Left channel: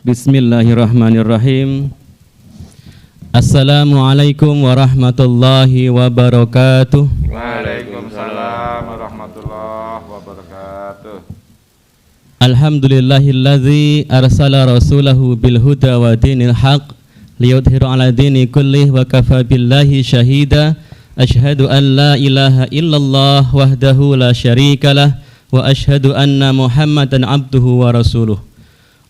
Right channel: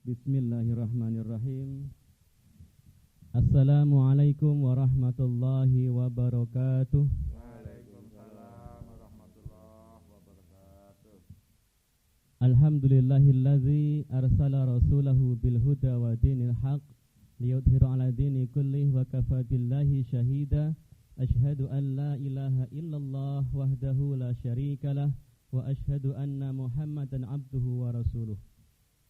Bismillahirrahmanirrahim. Assalamualaikum warahmatullahi wabarakatuh. Waalaikumsalam warahmatullahi wabarakatuh. Alhamdulillahilladzi arsala rasulahu bil huda wa dinil haq liyudhiru ala dini kullih wa kafa billahi syahida. Asyhadu an la ilaha illallah wahdahu la syarikalah wa asyhadu anna Muhammadan abduhu wa rasuluh.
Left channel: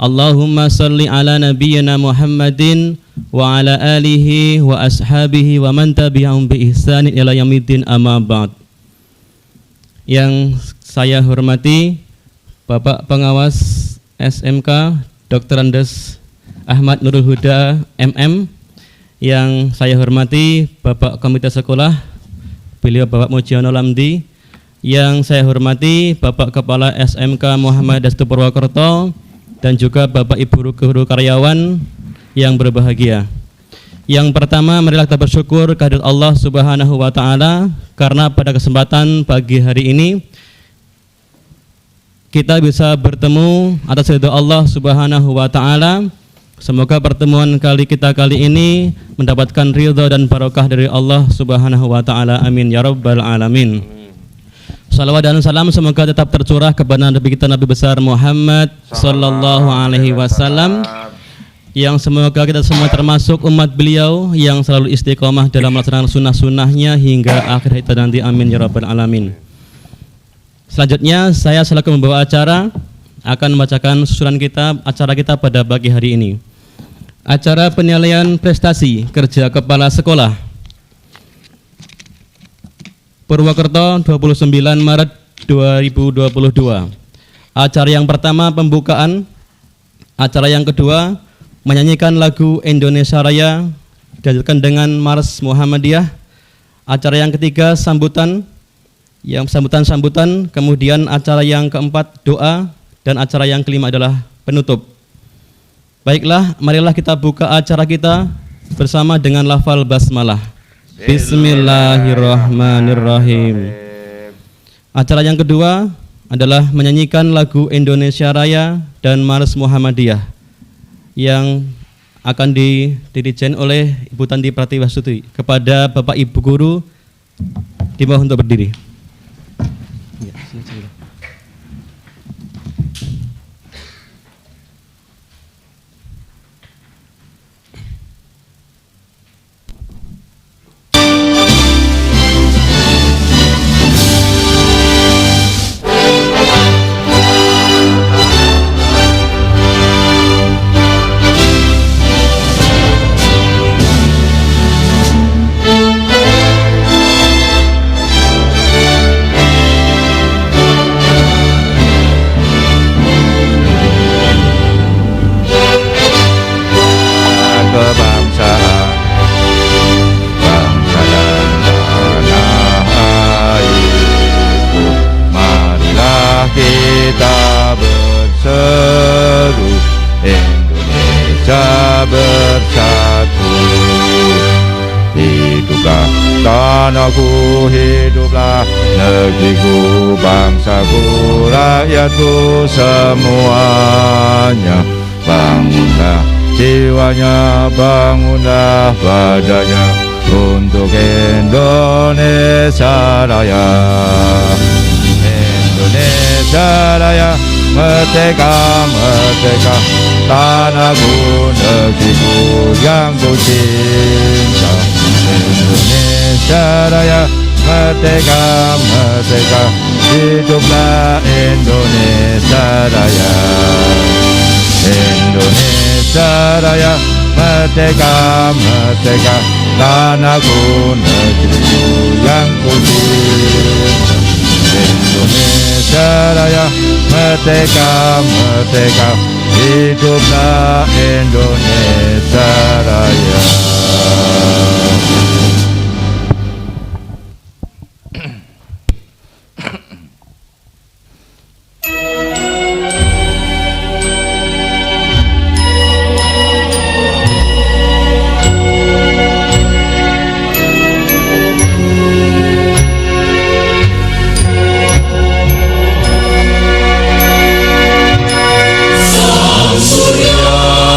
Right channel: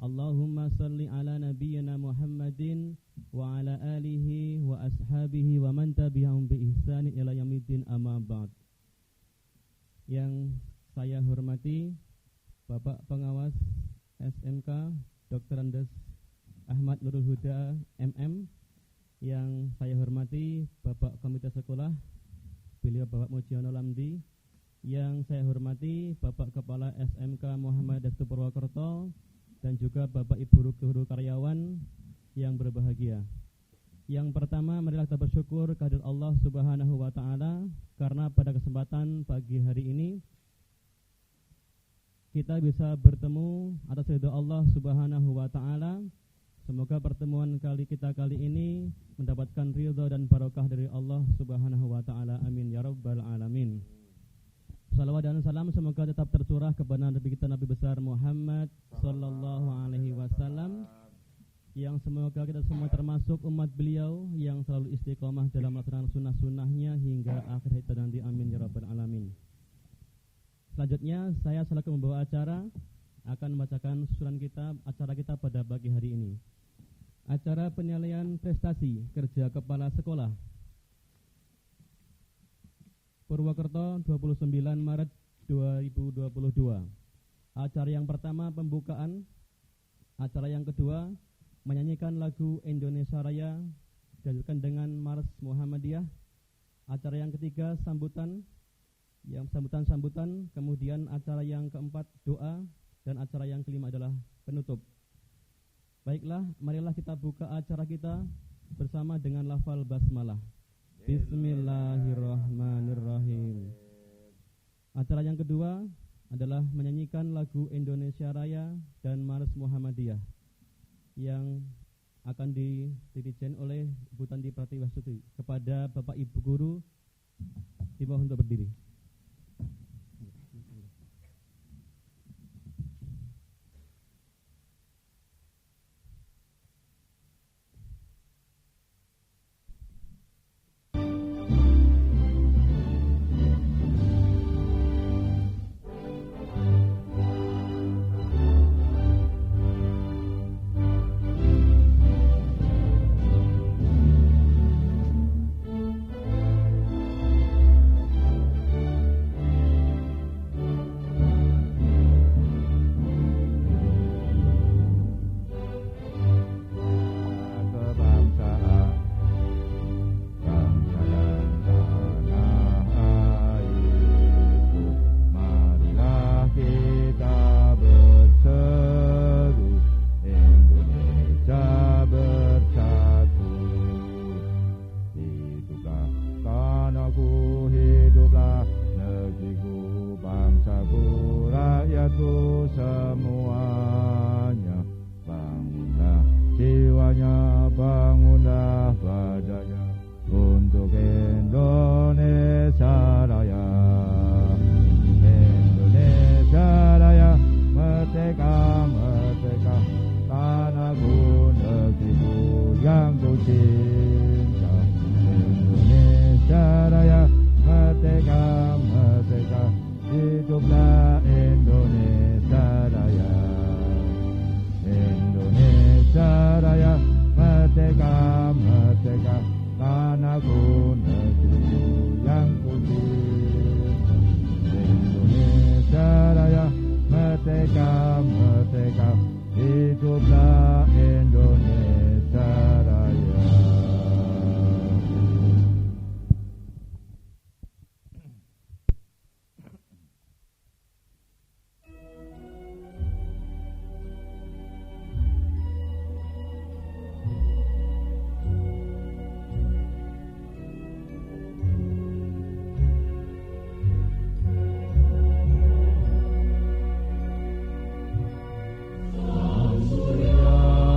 Allahumma salli ala nabiyyina Muhammadin wa ala alihi wa ashabihi wa man tabi'ahum bi ihsanin ila yaumiddin, amma ba'd. Yang saya hormati Bapak Pengawas SMK Dr. Andes Ahmad Nurul Huda MM. Yang saya hormati Bapak Komite Sekolah, beliau Bapak Mujiono Lamdi. Yang saya hormati Bapak Kepala SMK Muhammad Dastu Purwokerto dan juga Bapak Ibu guru karyawan yang berbahagia. Yang pertama, marilah kita bersyukur kehadirat Allah Subhanahu wa taala karena pada kesempatan pagi hari ini kita bisa bertemu atas ridha Allah Subhanahu wa taala. Semoga pertemuan kita kali ini mendapatkan ridha dan barokah dari Allah Subhanahu wa taala. Amin ya rabbal alamin. Salawat dan salam semoga tetap tercurah kepada Nabi kita Nabi besar Muhammad sallallahu alaihi wasallam, yang semoga kita semua termasuk umat beliau yang selalu istiqomah dalam melaksanakan sunnah-sunnahnya hingga akhir hayat nanti. Amin ya rabbal alamin. Selanjutnya saya selaku membawa acara akan membacakan susunan acara kita pada pagi hari ini. Acara penilaian prestasi kerja kepala sekolah Purwokerto 29 Maret 2022. Acara yang pertama pembukaan, acara yang kedua menyanyikan lagu Indonesia Raya dilanjutkan dengan Mars Muhammadiyah. Acara yang ketiga sambutan, kemudian acara yang keempat doa, dan acara yang kelima adalah penutup. Baiklah, marilah kita buka acara kita bersama dengan lafal basmalah. Bismillahirrahmanirrahim. Acara yang kedua adalah menyanyikan lagu Indonesia Raya dan Mars Muhammadiyah yang akan didirijen oleh Ibu Tanti Pratiwasuti. Kepada Bapak Ibu Guru dimohon untuk berdiri. Tanahku, hiduplah negeriku, bangsaku, rakyatku semuanya. Bangunlah jiwanya, bangunlah badannya untuk Indonesia Raya. Indonesia Raya, merdeka, merdeka, tanahku, negeriku yang ku cinta. Indonesia Raya, merdeka, merdeka, hiduplah Indonesia Raya. Indonesia Raya, merdeka, merdeka, tanahku, negeriku yang ku cinta. Indonesia Raya, merdeka, merdeka, hiduplah Indonesia Raya. Surya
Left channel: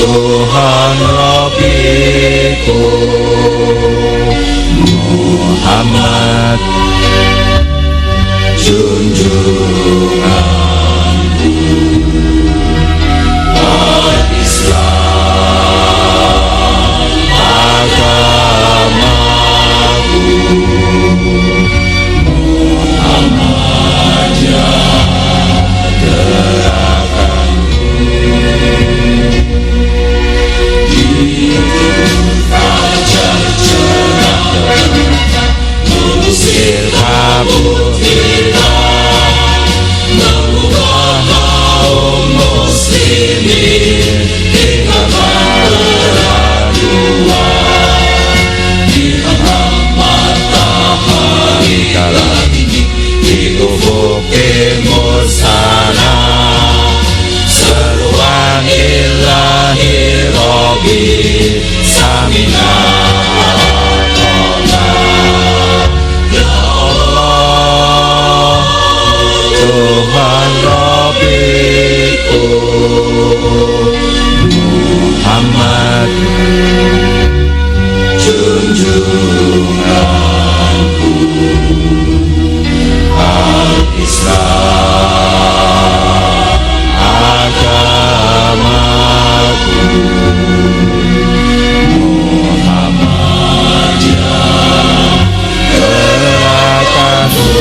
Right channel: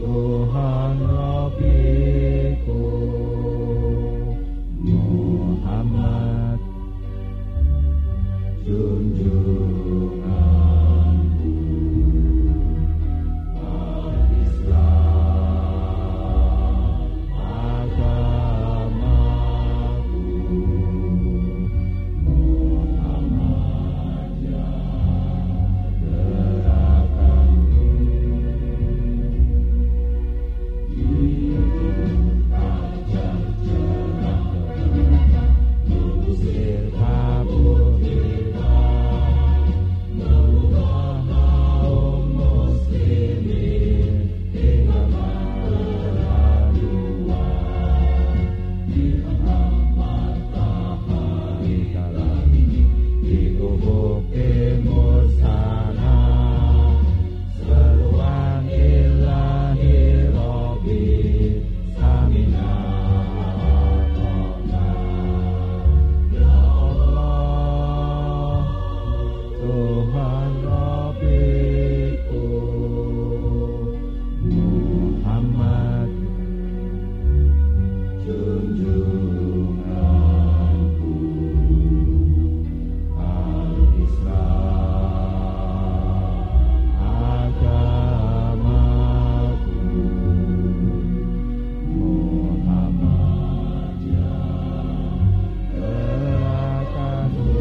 Tuhan Rabbiku Muhammad junjunganku Islam agamaku Muhammad Usir kabur kita, mengubah kaum muslimin hingga keraduan. Di tengah matahari kala ini, di ufuk timur sana, seruan ilahi Rabbi Samina. Tuhan Rabbiku Muhammad junjunganku Al-Islam agamaku Muhammad gerakanku.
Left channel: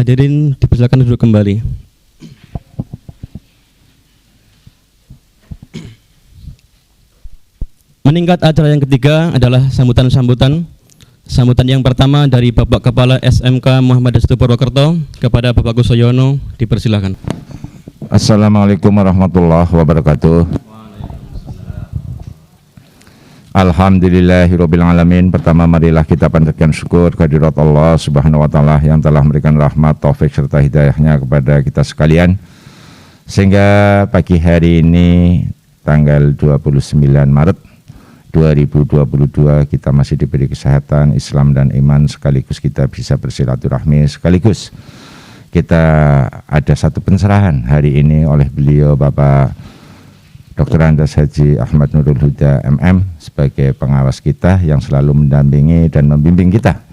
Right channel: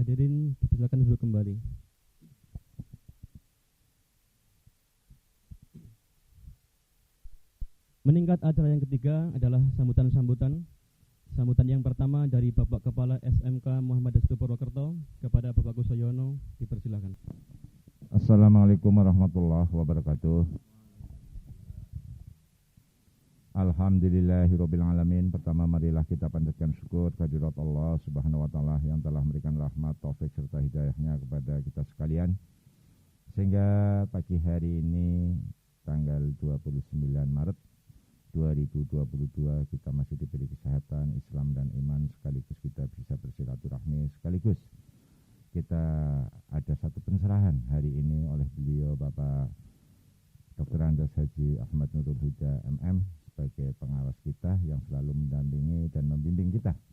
Hadirin dipersilakan duduk kembali. Meningkat acara yang ketiga adalah sambutan-sambutan. Sambutan yang pertama dari Bapak Kepala SMK Muhammad Destu Purwokerto kepada Bapak Kusoyono, dipersilakan. Assalamualaikum warahmatullahi wabarakatuh. Alhamdulillahirabbil alamin. Pertama marilah kita panjatkan syukur kehadirat Allah Subhanahu wa taala yang telah memberikan rahmat, taufik serta hidayahnya kepada kita sekalian. Sehingga pagi hari ini tanggal 29 Maret 2022 kita masih diberi kesehatan, Islam dan iman, sekaligus kita bisa bersilaturahmi, sekaligus kita ada satu pencerahan hari ini oleh beliau Bapak Dr. Andes Haji Ahmad Nurul Huda MM sebagai pengawas kita yang selalu mendampingi dan membimbing kita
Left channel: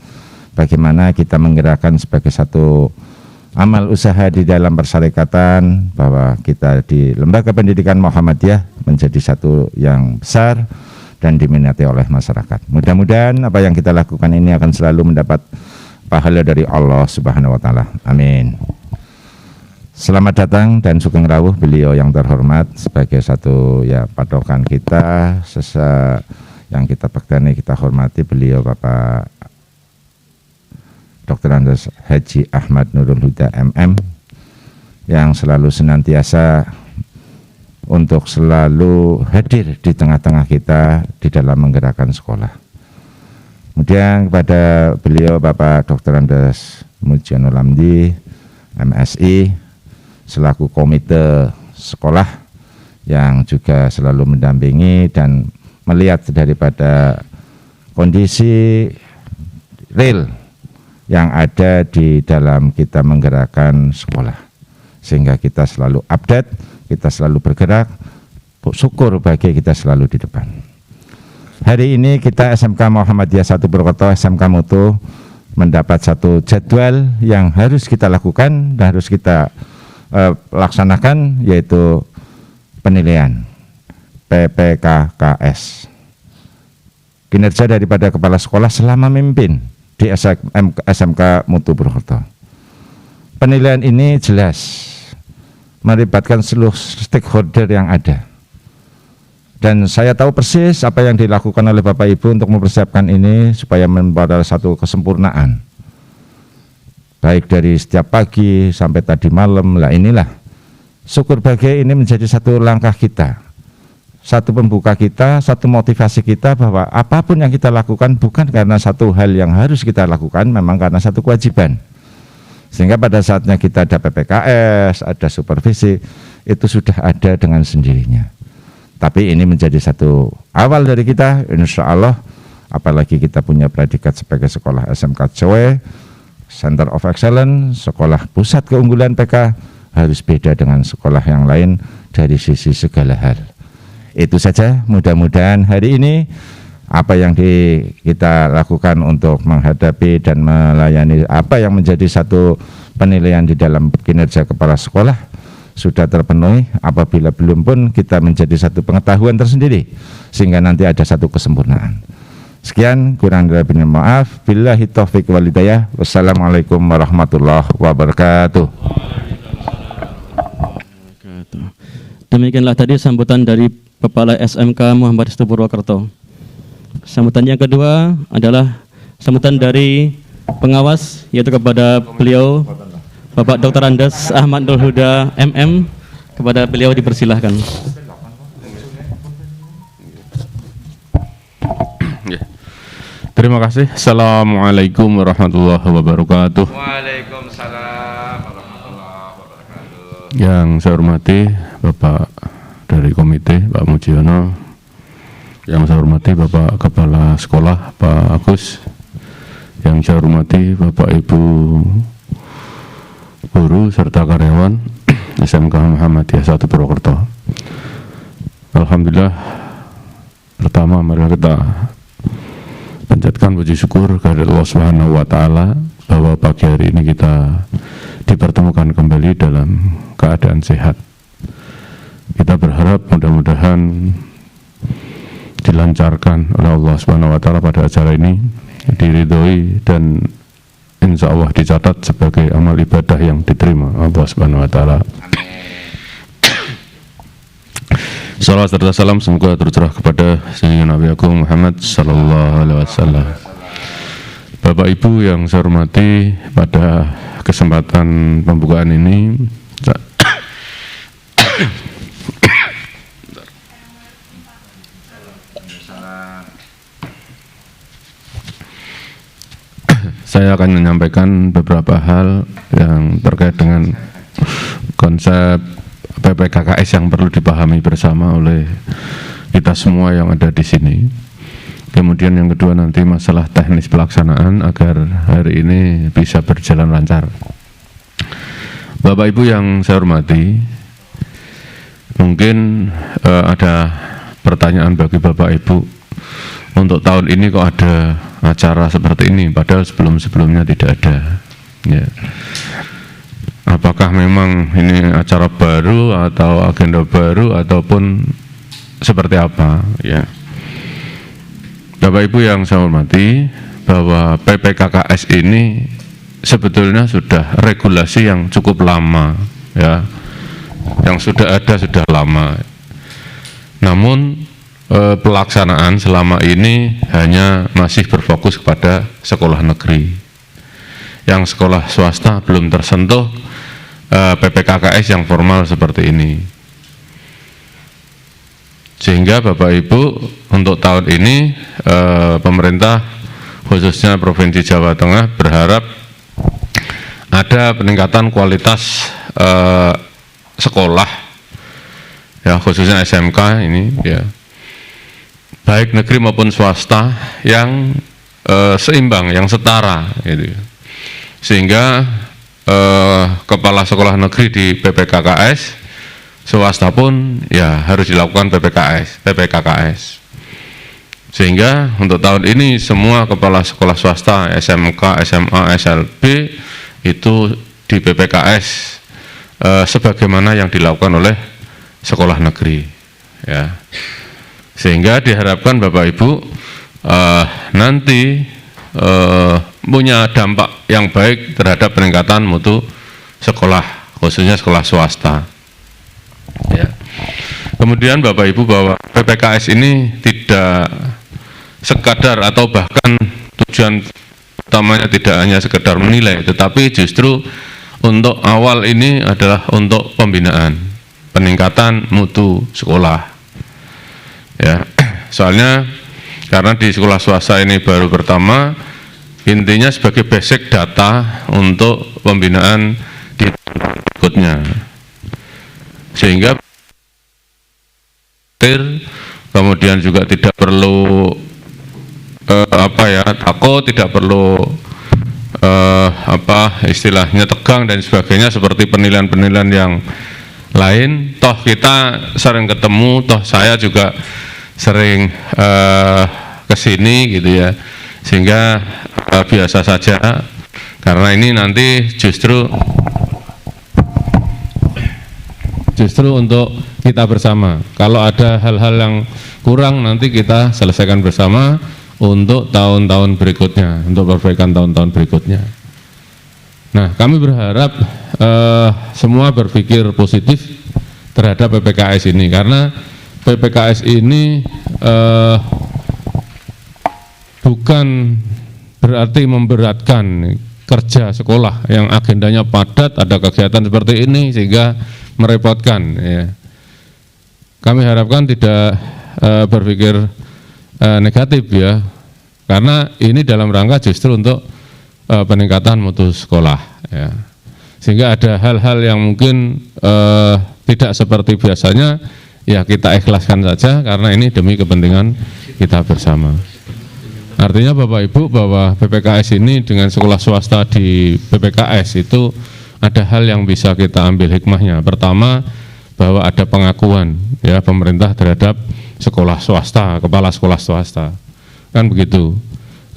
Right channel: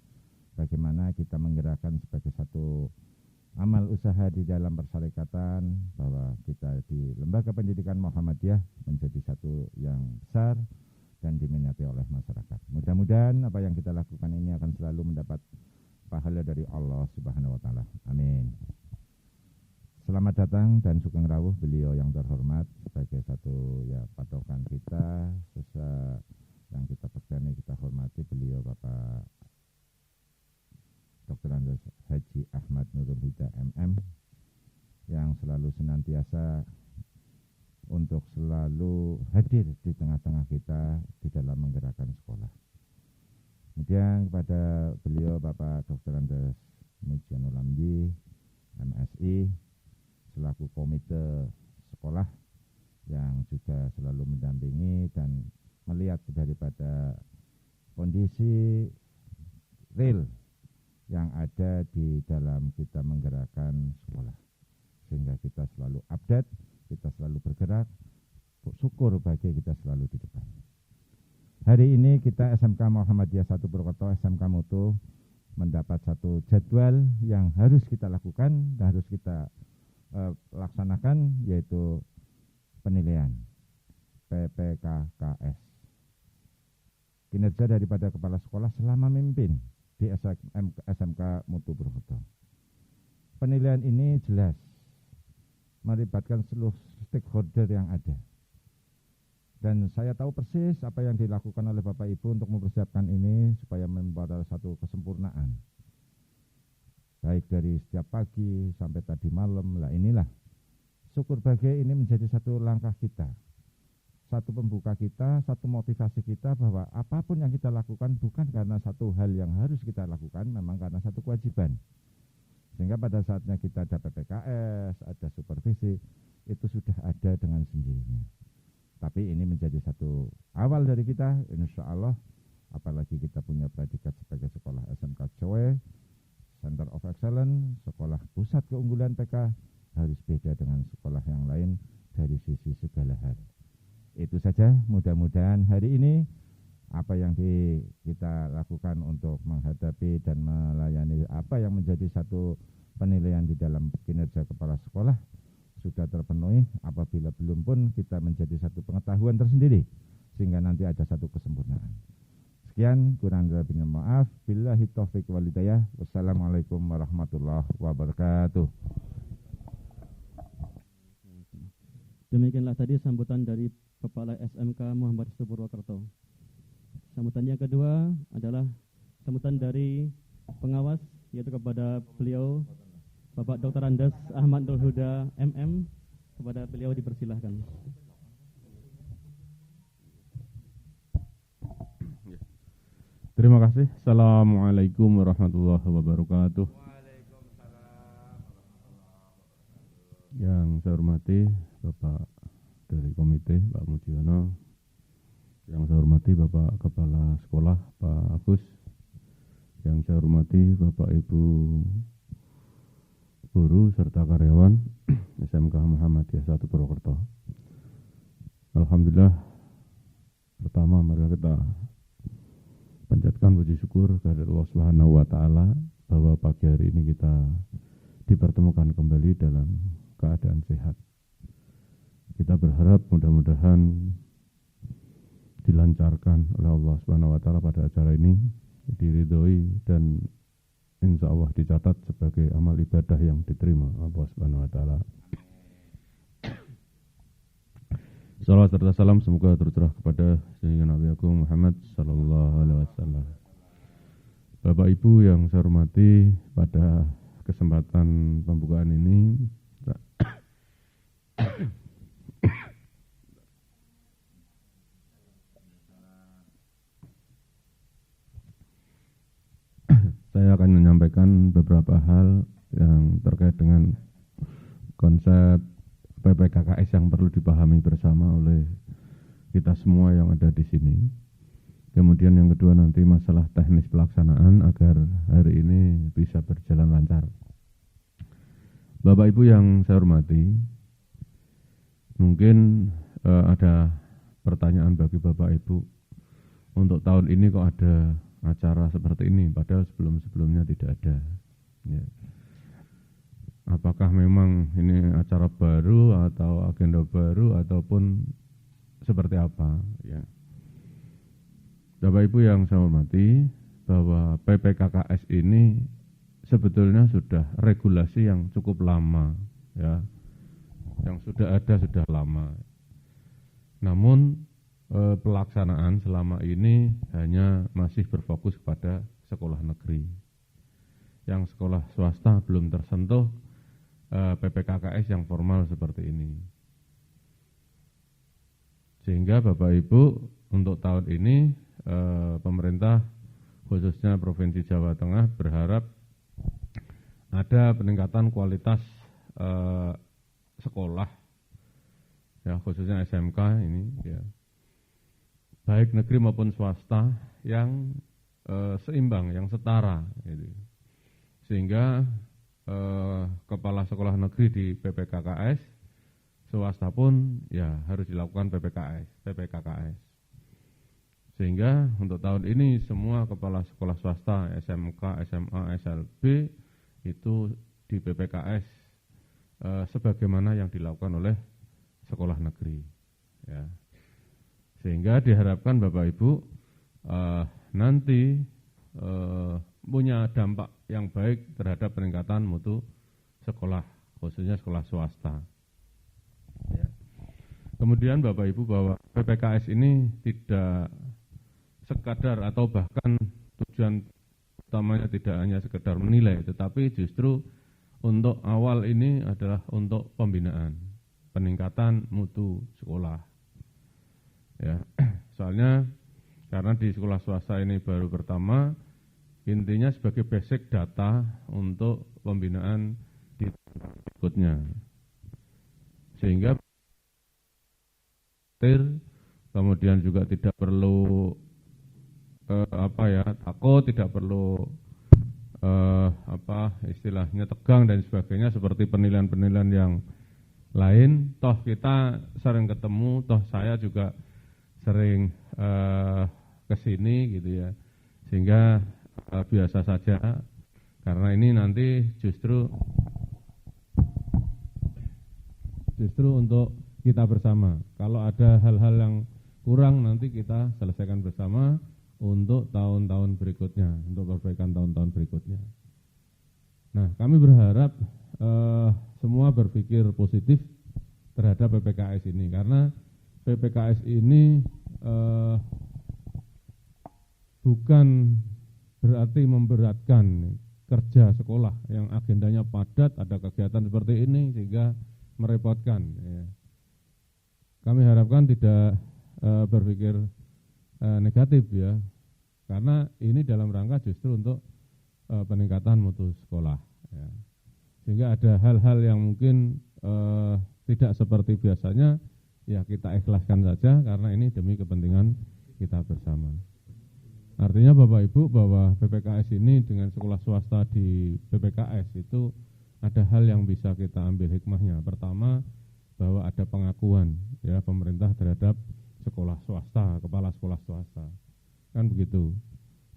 bagaimana kita menggerakkan sebagai satu amal usaha di dalam persyarikatan, bahwa kita di Lembaga Pendidikan Muhammadiyah menjadi satu yang besar dan diminati oleh masyarakat. Mudah-mudahan apa yang kita lakukan ini akan selalu mendapat pahala dari Allah Subhanahu wa taala. Amin. Selamat datang dan sugeng rawuh beliau yang terhormat sebagai satu patokan kita, yang kita pegani, kita hormati beliau Bapak Dr. Andes Haji Ahmad Nurul Huda MM yang selalu senantiasa untuk selalu hadir di tengah-tengah kita di dalam menggerakkan sekolah. Kemudian kepada beliau Bapak Dr. Andes Mujionul Hamdi MSI selaku komite sekolah yang juga selalu mendampingi dan melihat daripada kondisi real yang ada di dalam kita menggerakkan sekolah, sehingga kita selalu update, kita selalu bergerak, syukur bagi kita selalu di depan. Hari ini kita SMK Muhammadiyah 1 Purwokerto, SMK Mutu, mendapat satu jadwal yang harus kita lakukan dan harus kita laksanakan, yaitu penilaian PPKKS, kinerja daripada kepala sekolah selama memimpin di SMK Mutu Purwokerto. Penilaian ini jelas melibatkan seluruh stakeholder yang ada, dan saya tahu persis apa yang dilakukan oleh Bapak Ibu untuk mempersiapkan ini supaya membawa satu kesempurnaan, baik dari setiap pagi sampai tadi malam. Lah inilah syukur bahagia ini menjadi satu langkah kita, satu pembuka kita, satu motivasi kita bahwa apapun yang kita lakukan bukan karena satu hal yang harus kita lakukan, memang karena satu kewajiban. Sehingga pada saatnya kita ada PPKS, ada supervisi, itu sudah ada dengan sendirinya. Tapi ini menjadi satu awal dari kita, insya Allah, apalagi kita punya predikat sebagai sekolah SMK COE, Center of Excellence, sekolah pusat keunggulan PK, harus beda dengan sekolah yang lain dari sisi segala hal. Itu saja, mudah-mudahan hari ini apa yang kita lakukan untuk menghadapi dan melayani apa yang menjadi satu penilaian di dalam kinerja kepala sekolah sudah terpenuhi. Apabila belum pun kita menjadi satu pengetahuan tersendiri sehingga nanti ada satu kesempurnaan. Sekian, kurang lebihnya maaf. Billahi taufiq wal hidayah. Wassalamualaikum warahmatullahi wabarakatuh. Demikianlah tadi sambutan dari Kepala SMK Muhammad Istu Purwokerto. Sambutan yang kedua adalah sambutan dari pengawas, yaitu kepada beliau Bapak Dr. Andes Ahmad Nurul Huda MM. Kepada beliau dipersilahkan. Terima kasih. Assalamualaikum warahmatullahi wabarakatuh. Waalaikumsalam warahmatullahi wabarakatuh. Yang saya hormati Bapak dari komite, Pak Mujiono. Yang saya hormati Bapak Kepala Sekolah, Pak Agus. Yang saya hormati Bapak Ibu guru serta karyawan SMK Muhammadiyah 1 Purwokerto. Alhamdulillah, pertama mari kita panjatkan puji syukur kepada Allah Subhanahu wa taala bahwa pagi hari ini kita dipertemukan kembali dalam keadaan sehat. Kita berharap mudah-mudahan dilancarkan oleh Allah Subhanahu wa taala pada acara ini, diridhoi dan insya Allah dicatat sebagai amal ibadah yang diterima Allah Subhanahu wa taala. Salawat serta salam semoga tercurah kepada Sayyidina Nabi Agung Muhammad sallallahu alaihi wasallam. Bapak Ibu yang saya hormati, pada kesempatan pembukaan ini saya akan menyampaikan beberapa hal yang terkait dengan konsep PPKKS yang perlu dipahami bersama oleh kita semua yang ada di sini. Kemudian yang kedua nanti masalah teknis pelaksanaan agar hari ini bisa berjalan lancar. Bapak Ibu yang saya hormati, mungkin ada pertanyaan bagi Bapak Ibu, untuk tahun ini kok ada acara seperti ini, padahal sebelum-sebelumnya tidak ada. Ya. Apakah memang ini acara baru atau agenda baru ataupun seperti apa? Ya. Bapak Ibu yang saya hormati, bahwa PPKKS ini sebetulnya sudah regulasi yang cukup lama, ya, yang sudah ada sudah lama. Namun pelaksanaan selama ini hanya masih berfokus kepada sekolah negeri. Yang sekolah swasta belum tersentuh PPKKS yang formal seperti ini. Sehingga Bapak Ibu untuk tahun ini pemerintah khususnya Provinsi Jawa Tengah berharap ada peningkatan kualitas sekolah, ya, khususnya SMK ini, ya, baik negeri maupun swasta yang seimbang, yang setara, gitu. Sehingga kepala sekolah negeri di PPKKS, swasta pun ya harus dilakukan PPKKS. Sehingga untuk tahun ini semua kepala sekolah swasta, SMK, SMA, SLB itu di PPKS sebagaimana yang dilakukan oleh sekolah negeri, ya. Sehingga diharapkan Bapak Ibu nanti punya dampak yang baik terhadap peningkatan mutu sekolah, khususnya sekolah swasta. Ya. Kemudian Bapak Ibu, bahwa PPKS ini tidak sekadar atau bahkan tujuan utamanya tidak hanya sekedar menilai, tetapi justru untuk awal ini adalah untuk pembinaan, peningkatan mutu sekolah. Ya, soalnya karena di sekolah swasta ini baru pertama, intinya sebagai basic data untuk pembinaan di berikutnya, sehingga kemudian juga tidak perlu takut, tidak perlu istilahnya tegang dan sebagainya seperti penilaian-penilaian yang lain. Toh kita sering ketemu, toh saya juga sering kesini gitu ya, sehingga biasa saja, karena ini nanti justru untuk kita bersama. Kalau ada hal-hal yang kurang nanti kita selesaikan bersama untuk tahun-tahun berikutnya, untuk perbaikan tahun-tahun berikutnya. Nah, kami berharap semua berpikir positif terhadap PPKS ini, karena PPKS ini bukan berarti memberatkan kerja sekolah yang agendanya padat, ada kegiatan seperti ini sehingga merepotkan. Ya. Kami harapkan tidak berpikir negatif ya, karena ini dalam rangka justru untuk peningkatan mutu sekolah. Ya. Sehingga ada hal-hal yang mungkin tidak seperti biasanya, ya kita ikhlaskan saja karena ini demi kepentingan kita bersama. Artinya Bapak Ibu bahwa PPKS ini dengan sekolah swasta di PPKS itu ada hal yang bisa kita ambil hikmahnya. Pertama, bahwa ada pengakuan ya pemerintah terhadap sekolah swasta, kepala sekolah swasta, kan begitu.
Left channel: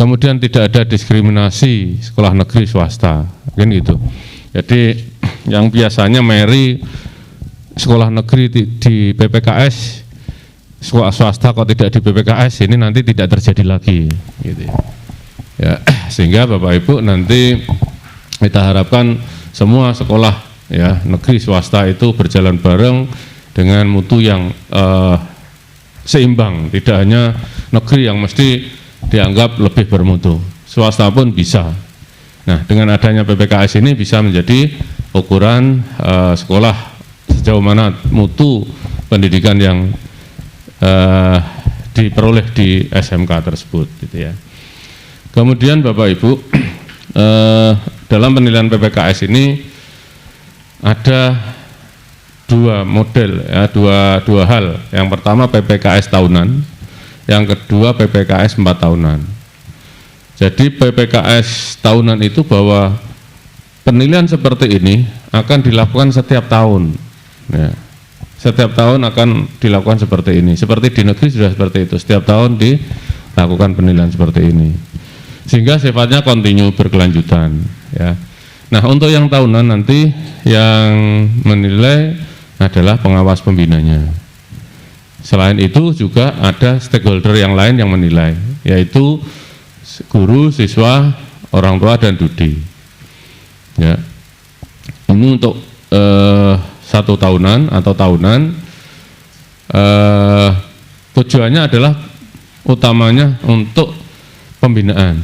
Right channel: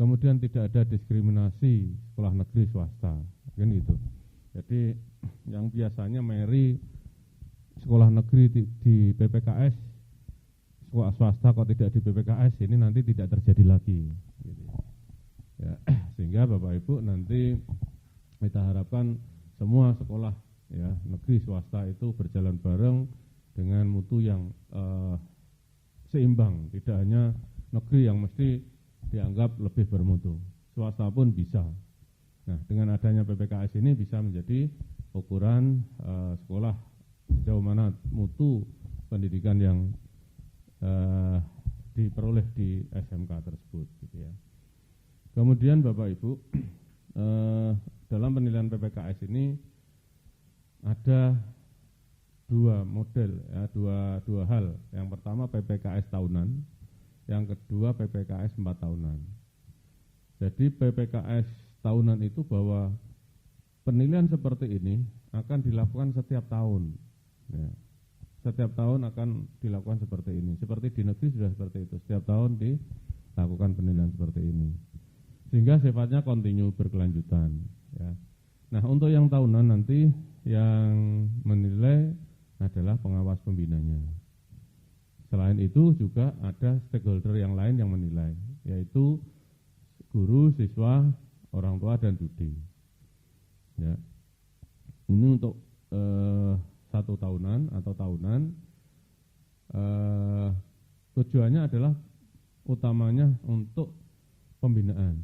Kemudian tidak ada diskriminasi sekolah negeri swasta, kan gitu. Jadi yang biasanya meri sekolah negeri di PPKS, sekolah swasta kok tidak di PPKS, ini nanti tidak terjadi lagi, gitu ya. Ya, sehingga Bapak Ibu nanti kita harapkan semua sekolah ya negeri swasta itu berjalan bareng dengan mutu yang seimbang, tidak hanya negeri yang mesti dianggap lebih bermutu, swasta pun bisa. Nah, dengan adanya PPKS ini bisa menjadi ukuran sekolah sejauh mana mutu pendidikan yang diperoleh di SMK tersebut, gitu ya. Kemudian Bapak Ibu, dalam penilaian PPKS ini ada dua model, ya, dua hal. Yang pertama PPKS tahunan, yang kedua PPKS 4 tahunan. Jadi PPKS tahunan itu bahwa penilaian seperti ini akan dilakukan setiap tahun. Ya. Setiap tahun akan dilakukan seperti ini. Seperti di negeri sudah seperti itu. Setiap tahun dilakukan penilaian seperti ini. Sehingga sifatnya kontinu berkelanjutan. Ya. Nah, untuk yang tahunan nanti yang menilai adalah pengawas pembinanya. Selain itu juga ada stakeholder yang lain yang menilai, yaitu guru, siswa, orang tua, dan DUDI. Ya. Ini untuk 1 tahunan atau tahunan, tujuannya adalah utamanya untuk pembinaan,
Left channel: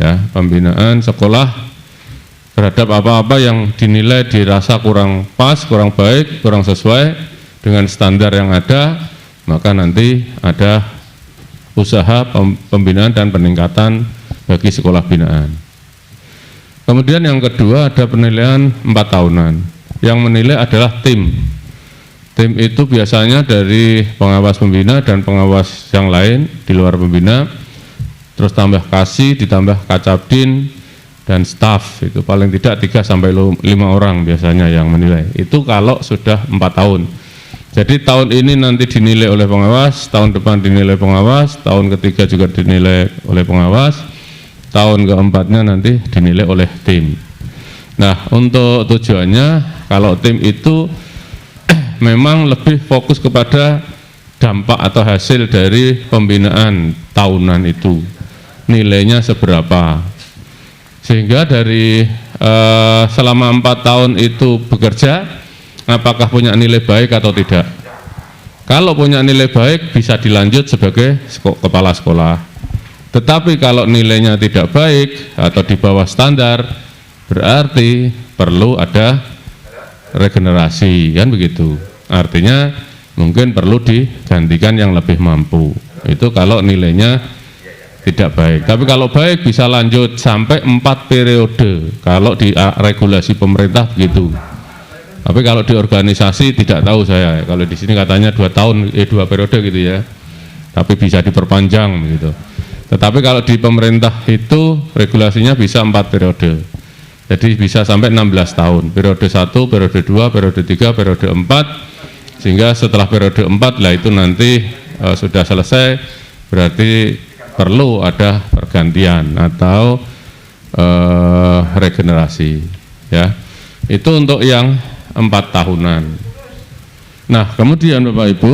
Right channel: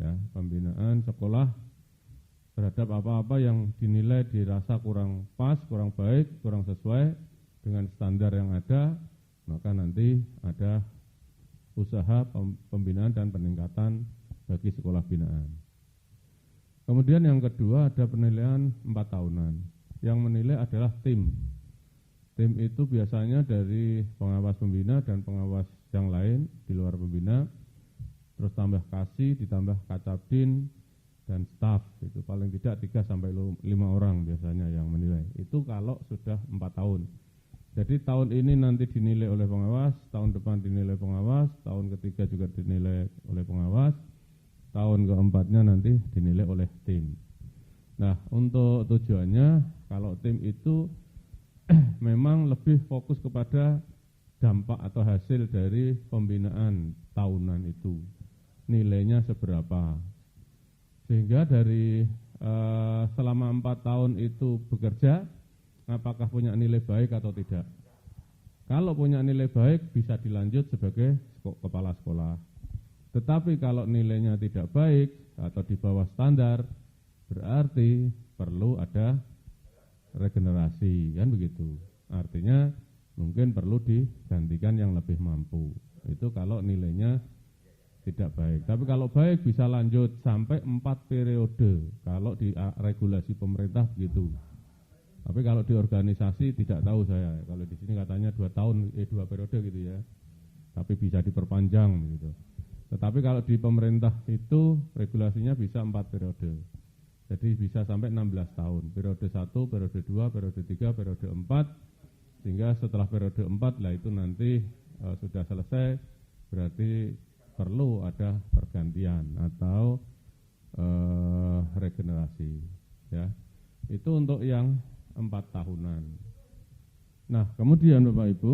ya, pembinaan sekolah terhadap apa-apa yang dinilai dirasa kurang pas, kurang baik, kurang sesuai dengan standar yang ada, maka nanti ada usaha pembinaan dan peningkatan bagi sekolah binaan. Kemudian yang kedua ada penilaian 4 tahunan. Yang menilai adalah tim. Tim itu biasanya dari pengawas pembina dan pengawas yang lain di luar pembina, terus tambah kasih, ditambah kacabdin dan staf, itu paling tidak 3-5 orang biasanya yang menilai. Itu kalau sudah 4 tahun. Jadi tahun ini nanti dinilai oleh pengawas, tahun depan dinilai pengawas, tahun ketiga juga dinilai oleh pengawas, tahun keempatnya nanti dinilai oleh tim. Nah, untuk tujuannya kalau tim itu memang lebih fokus kepada dampak atau hasil dari pembinaan tahunan itu, nilainya seberapa, sehingga dari selama 4 tahun itu bekerja, apakah punya nilai baik atau tidak. Kalau punya nilai baik bisa dilanjut sebagai kepala sekolah, tetapi kalau nilainya tidak baik atau di bawah standar, berarti perlu ada regenerasi, kan begitu. Artinya mungkin perlu digantikan yang lebih mampu. Itu kalau nilainya tidak baik. Tapi kalau baik bisa lanjut sampai 4 periode kalau di regulasi pemerintah begitu. Tapi kalau di organisasi tidak tahu saya. Kalau di sini katanya 2 periode gitu ya. Tapi bisa diperpanjang begitu. Tetapi kalau di pemerintah itu regulasinya bisa 4 periode. Jadi bisa sampai 16 tahun. Periode 1, periode 2, periode 3, periode 4. Sehingga setelah periode 4 lah itu nanti sudah selesai, berarti perlu ada pergantian atau regenerasi ya. Itu untuk yang 4 tahunan. Nah, kemudian Bapak Ibu,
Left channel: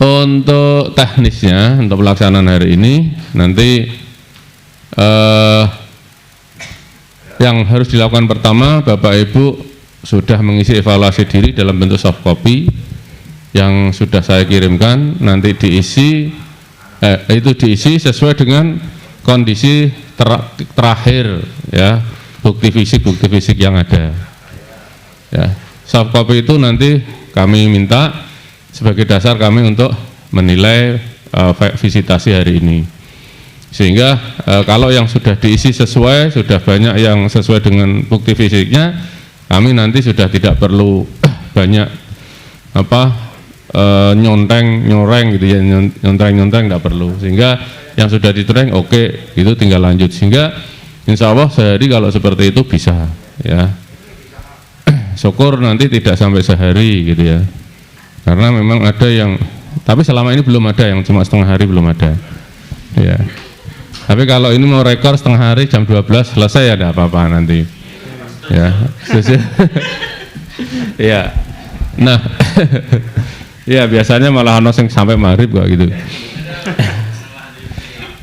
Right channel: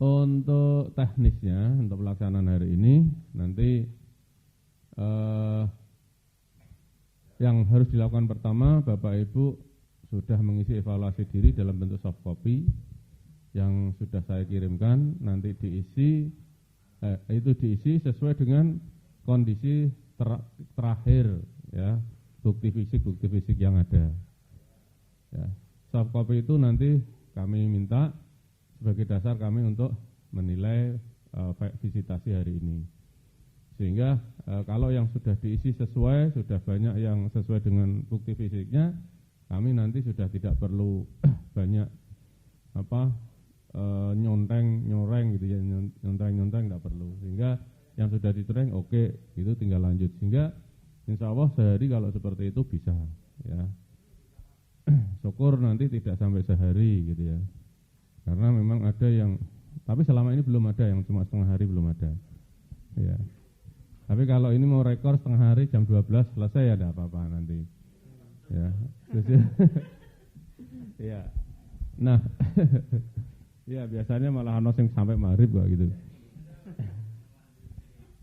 untuk teknisnya, untuk pelaksanaan hari ini nanti yang harus dilakukan pertama, Bapak Ibu sudah mengisi evaluasi diri dalam bentuk soft copy yang sudah saya kirimkan. Nanti diisi itu diisi sesuai dengan kondisi terakhir ya, bukti fisik yang ada ya. Soft copy itu nanti kami minta sebagai dasar kami untuk menilai visitasi hari ini, sehingga kalau yang sudah diisi sesuai, sudah banyak yang sesuai dengan bukti fisiknya, kami nanti sudah tidak perlu banyak nyoreng gitu ya, nyonteng tidak perlu, sehingga yang sudah ditereng oke, itu tinggal lanjut, sehingga insya Allah sehari kalau seperti itu bisa ya. Syukur nanti tidak sampai sehari gitu ya, karena memang ada yang, tapi selama ini belum ada yang cuma setengah hari, belum ada ya. Tapi kalau ini mau rekor setengah hari jam 12 selesai ya, ada apa-apa nanti ya. Ya. Nah, ya biasanya malah ono sing sampai maghrib kok gitu.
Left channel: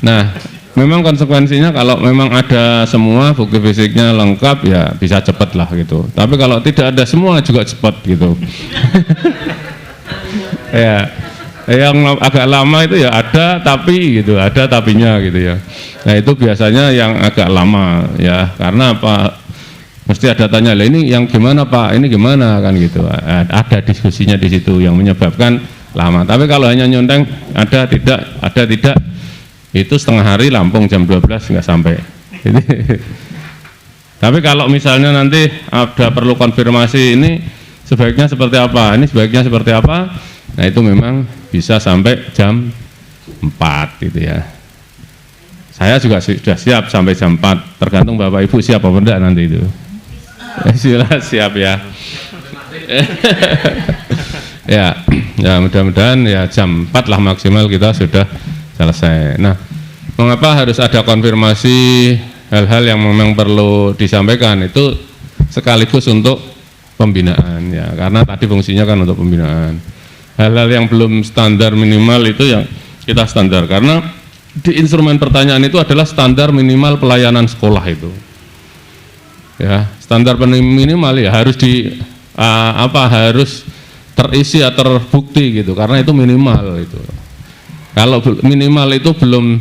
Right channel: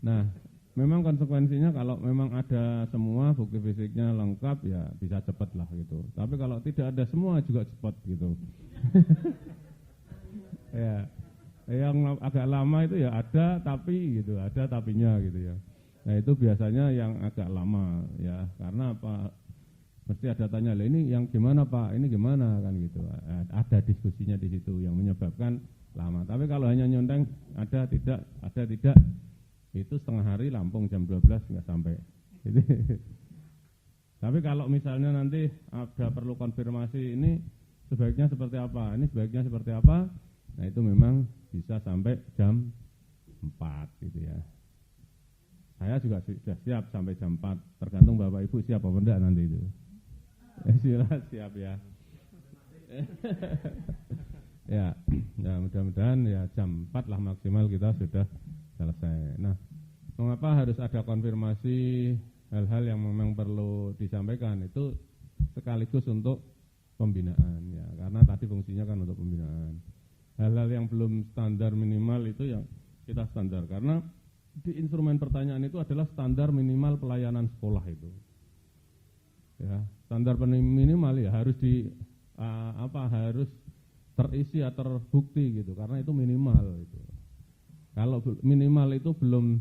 Nah, memang konsekuensinya kalau memang ada semua bukti fisiknya lengkap ya bisa cepat lah gitu. Tapi kalau tidak ada semua juga cepat gitu. Ya, yang agak lama itu ya ada tapi gitu, ada tapinya gitu ya. Nah itu biasanya yang agak lama ya, karena apa? Mesti ada tanya, lah ini yang gimana Pak, ini gimana kan gitu. Ada diskusinya di situ yang menyebabkan lama. Tapi kalau hanya nyonteng ada tidak, itu setengah hari Lampung jam 12 nggak sampai. Tapi kalau misalnya nanti ada perlu konfirmasi ini sebaiknya seperti apa, ini sebaiknya seperti apa, nah itu memang bisa sampai jam 4 gitu ya. Saya juga sudah siap sampai jam 4, tergantung Bapak Ibu siap apa enggak nanti itu. Siap ya. ya mudah-mudahan ya jam 4 lah maksimal kita sudah selesai. Nah, mengapa harus ada konfirmasi hal-hal yang memang perlu disampaikan itu sekaligus untuk pembinaan ya, karena tadi fungsinya kan untuk pembinaan. Hal-hal yang belum standar minimal itu yang kita standar, karena di instrumen pertanyaan itu adalah standar minimal pelayanan sekolah itu. Ya, standar minimal ya harus harus terisi atau terbukti gitu, karena itu minimal itu. Kalau minimal itu belum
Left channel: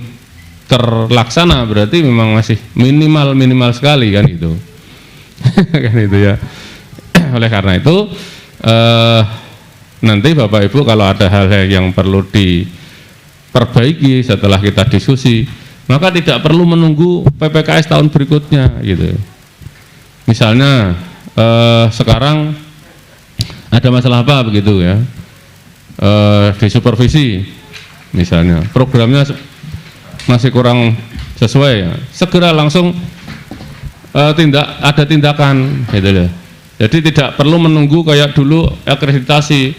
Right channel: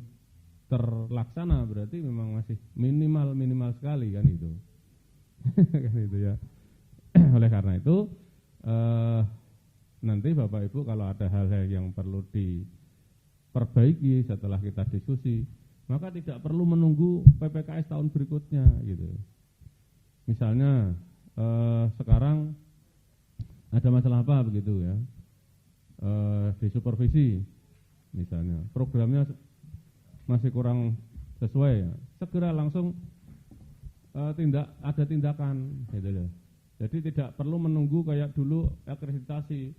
terlaksana berarti memang masih minimal sekali kan itu. Kan itu ya. Oleh karena itu nanti Bapak Ibu kalau ada hal-hal yang perlu diperbaiki setelah kita diskusi, maka tidak perlu menunggu PPKS tahun berikutnya gitu. Misalnya sekarang ada masalah apa begitu ya, di supervisi misalnya programnya masih kurang sesuai ya, segera langsung ada tindakan gitu loh. Jadi tidak perlu menunggu kayak dulu akreditasi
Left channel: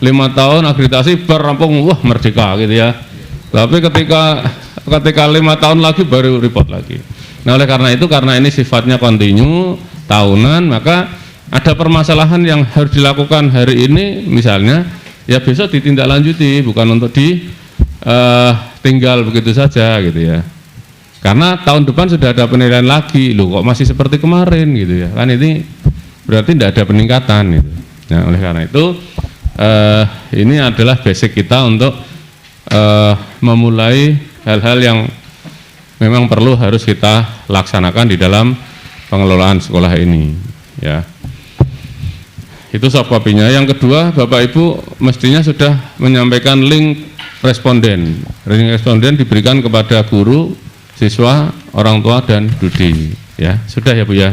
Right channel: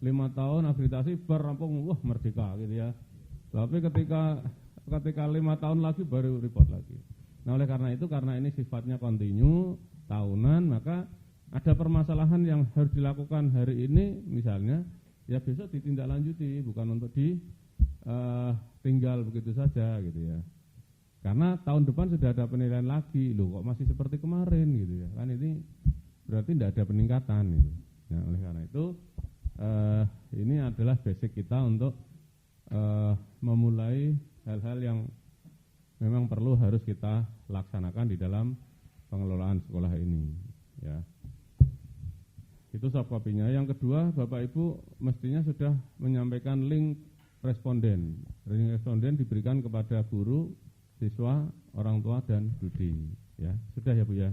5 tahun akreditasi rampung wah merdeka gitu ya. Tapi ketika 5 tahun lagi baru report lagi. Nah oleh karena itu, karena ini sifatnya kontinu tahunan, maka ada permasalahan yang harus dilakukan hari ini misalnya ya besok ditindaklanjuti, bukan untuk tinggal begitu saja gitu ya. Karena tahun depan sudah ada penilaian lagi, loh kok masih seperti kemarin gitu ya. Kan ini berarti tidak ada peningkatan gitu. Nah oleh karena itu ini adalah basic kita untuk memulai hal-hal yang memang perlu harus kita laksanakan di dalam pengelolaan sekolah ini ya. Itu soft copy-nya. Yang kedua, Bapak Ibu mestinya sudah menyampaikan link responden. Ranking responden diberikan kepada guru, siswa, orang tua, dan Dudi. Ya, sudah ya Bu ya.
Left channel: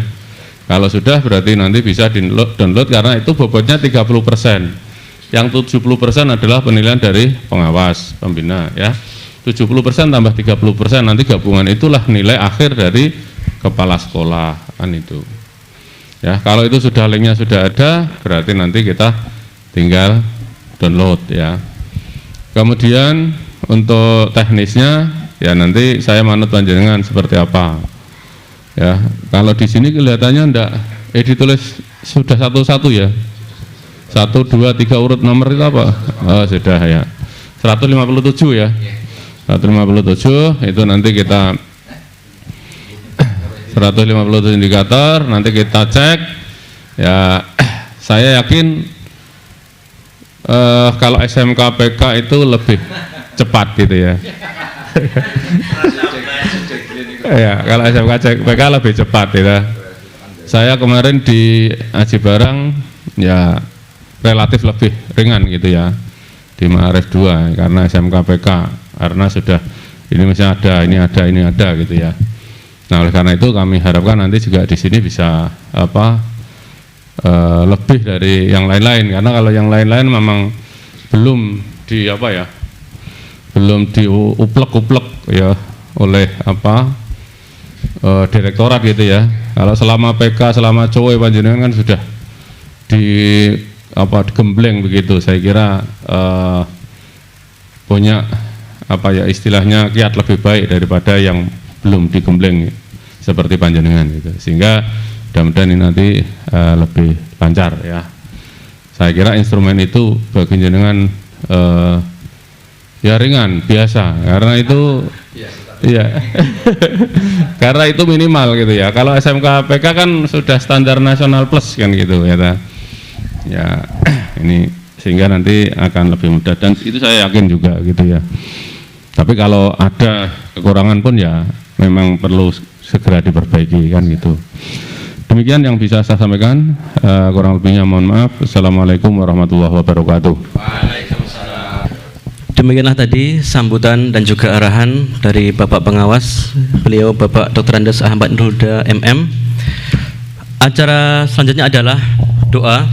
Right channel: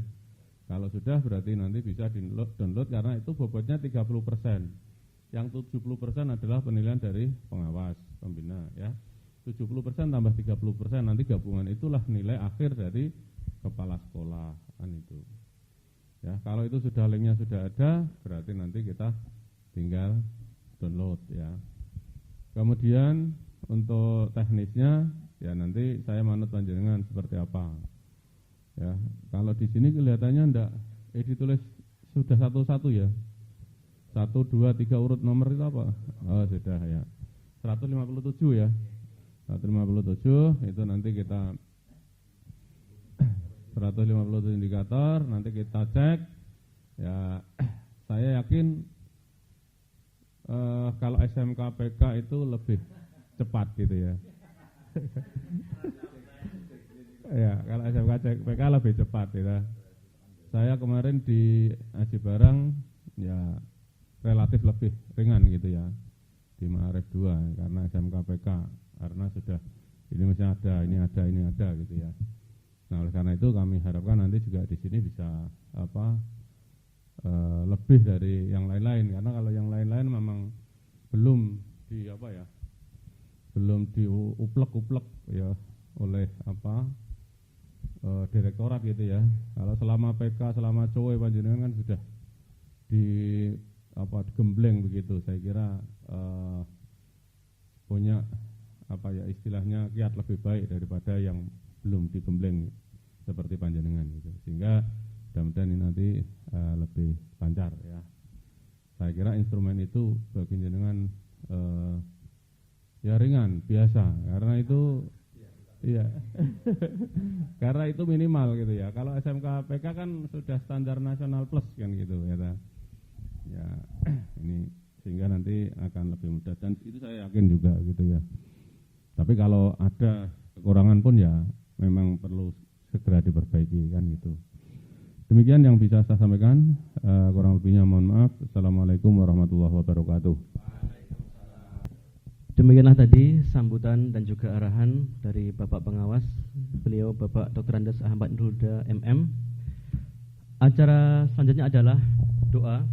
Kalau sudah berarti nanti bisa download karena itu bobotnya 30%. Yang 70% adalah penilaian dari pengawas, pembina ya. 70% tambah 30%, nanti gabungan itulah nilai akhir dari kepala sekolah kan itu. Ya, kalau itu sudah linknya sudah ada, berarti nanti kita tinggal download ya. Kemudian untuk teknisnya ya nanti saya manut panjenengan seperti apa. Ya, kalau di sini kelihatannya enggak ditulis sudah satu-satu ya. 1, 2, 3 urut nomor itu apa? Oh, sudah ya. 157 ya. 157 itu nanti kita 157 indikator, nanti kita cek. Ya, saya yakin kalau SMK PK itu lebih cepat gitu ya. Ya, kalau SMK PK lebih cepat ya. Saya kemarin di Aji Barang ya relatif lebih ringan gitu ya di Ma'arif 2 karena SMK PK karena sudah ini masih ada, ini ada gitu ya. Nah, oleh karena itu kami harapkan nanti juga di sini bisa lebih dari yang lain-lain karena kalau yang lain-lain memang belum di belum diuplek-uplek ya oleh direktorat gitu ya. Kalau selama PK, selama COE panjenengan kan sudah digembleng begitu. Saya kira punya istilahnya kiat lebih baik daripada yang belum digembleng seperti panjenengan gitu. Sehingga mudah-mudahan ini nanti lebih lancar ya. Saya kira instrumen itu bagi jenengan ya ringan, biasa karena itu iya. Karena itu minimal gitu ya. Kalau SMK PK kan sudah standar nasional plus kan gitu ya. Ya, ini sehingga nanti akan lebih mudah dan itu saya yakin juga gitu ya. Tapi kalau ada kekurangan pun ya memang perlu segera diperbaiki kan gitu. Demikian yang bisa saya sampaikan, kurang lebihnya mohon maaf. Assalamualaikum warahmatullahi wabarakatuh. Demikianlah tadi sambutan dan juga arahan dari Bapak Pengawas, beliau Bapak Dr. Andes Ahmad Nurhuda MM. Acara selanjutnya adalah doa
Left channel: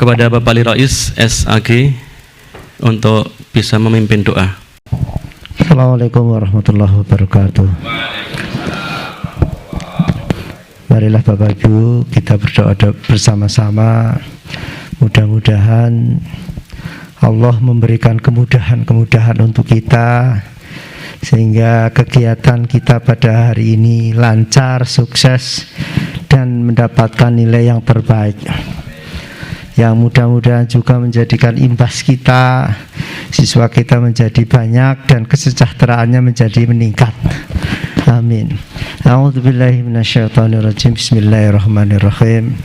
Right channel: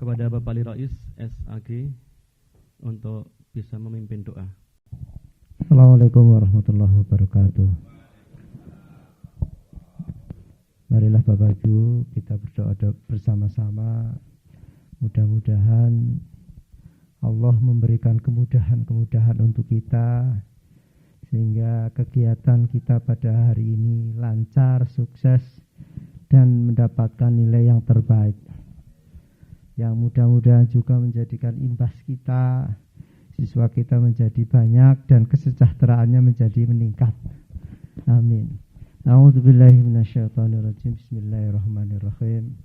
kepada Bapak Ali Rais SAG untuk bisa memimpin doa. Assalamualaikum warahmatullahi wabarakatuh. Marilah Bapak Ibu kita berdoa bersama-sama. Mudah-mudahan Allah memberikan kemudahan-kemudahan untuk kita sehingga kegiatan kita pada hari ini lancar, sukses dan mendapatkan nilai yang terbaik. Yang mudah-mudahan juga menjadikan imbas kita, siswa kita menjadi banyak dan kesejahteraannya menjadi meningkat. Amin. A'udzubillahi minasyaitonirrajim. Bismillahirrahmanirrahim.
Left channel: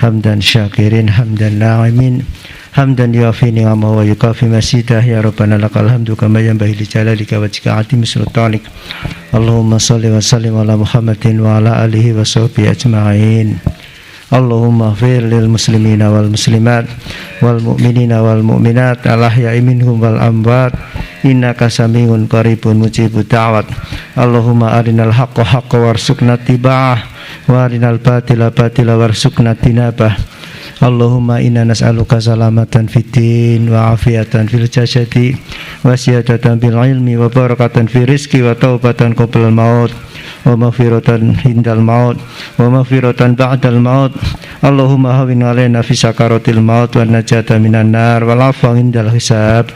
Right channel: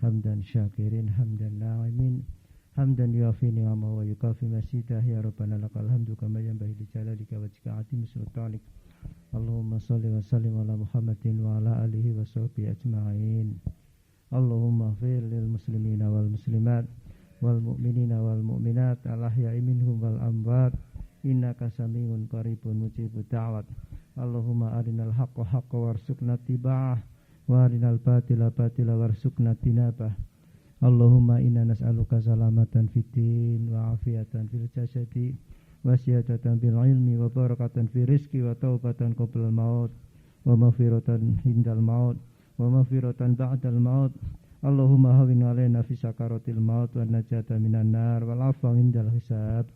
Hamdan syakirin, hamdan na'imin, hamdan yuafi ni'amahu wa yukafi masidah. Ya Rabbana lakal hamdu kama yanbaghi li jalalika wajhika 'azimi sultanik. Allahumma shalli wa sallim ala Muhammadin wa ala alihi wa sahbihi ajma'in. Allahumma ighfir lil muslimina wal muslimat wal mu'minina wal mu'minat al ahya'i minhum wal amwat innaka sami'un qaribun mujibud da'wat. Allahumma arinal haqqa haqqan warzuqna ittiba'ah wa arinal batila batila warzuqna tinabah. Allahumma inna nas'aluka salamatan fid din wa afiatan fil jasadi wa ziyadatan bil ilmi wa barakatan fi rizqi wa taubatan qabla al maut wa maghfiratan hindal maut wa maghfiratan ba'dal maut. Allahumma hawwin 'alaina fi sakaratil maut wa najata minan nar wal 'afwa indal hisab.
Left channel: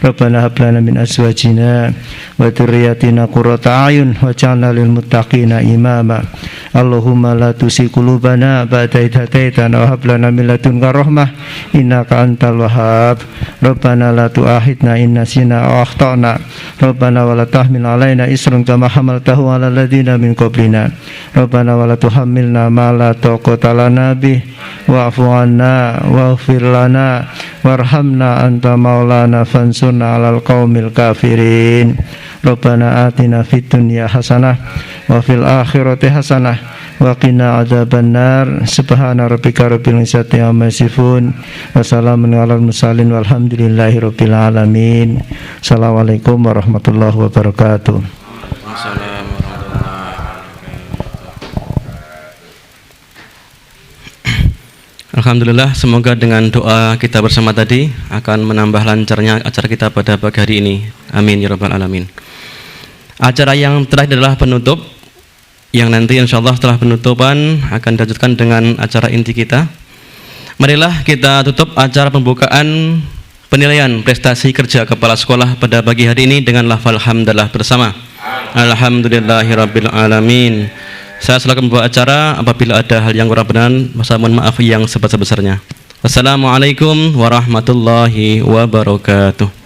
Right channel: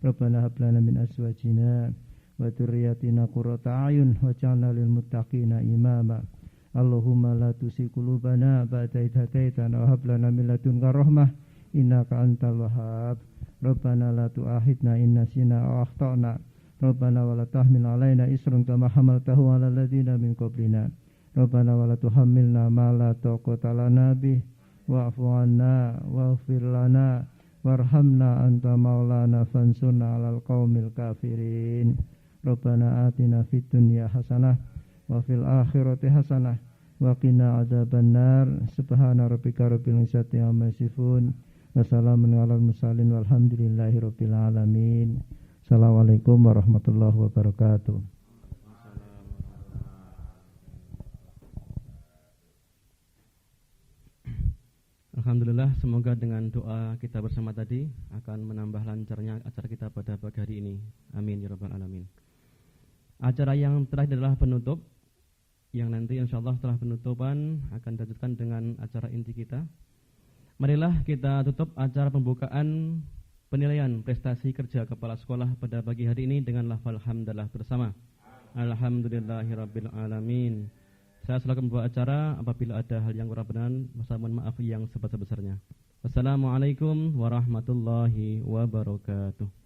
Rabbana hab lana min azwajina wa dzurriyyatina qurrata a'yun waj'alna lil muttaqina imama. Allahumma la tusi qulubana ba'da idh hadaitana wa hab lana min ladunka rahmah innaka antal wahhab. Rabbana la tu'akhidna in nasina aw akhtana. Rabbana wa la tahmil 'alaina isran kama hamaltahu 'alal ladzina min qablina. Rabbana wa la tuhammilna ma la taqata lana bih wa'fu 'anna waghfir lana warhamna anta maulana fansurna 'alal qaumil kafirin. Rabbana atina fid dunya hasanah wa fil akhirati hasanah wa qina adzabannar. Subhana rabbika rabbil izzati amma yasifun wa salamun alal mursalin walhamdulillahi rabbil alamin. Assalamualaikum warahmatullahi wabarakatuh. Alhamdulillah, semoga dengan doa kita bersama tadi akan menambah lancarnya acara kita pada pagi hari ini. Amin ya rabbal alamin. Acara yang terakhir adalah penutup, yang nanti insya Allah setelah penutupan akan dilanjutkan dengan acara inti kita. Marilah kita tutup acara pembukaan penilaian prestasi kerja kepala sekolah pada pagi hari ini dengan lafal hamdalah bersama. Alhamdulillahirabbil alamin. Saya selaku membawa acara, apabila ada hal yang kurang benar, mohon maaf yang sebesar-besarnya. Wassalamualaikum warahmatullahi wabarakatuh.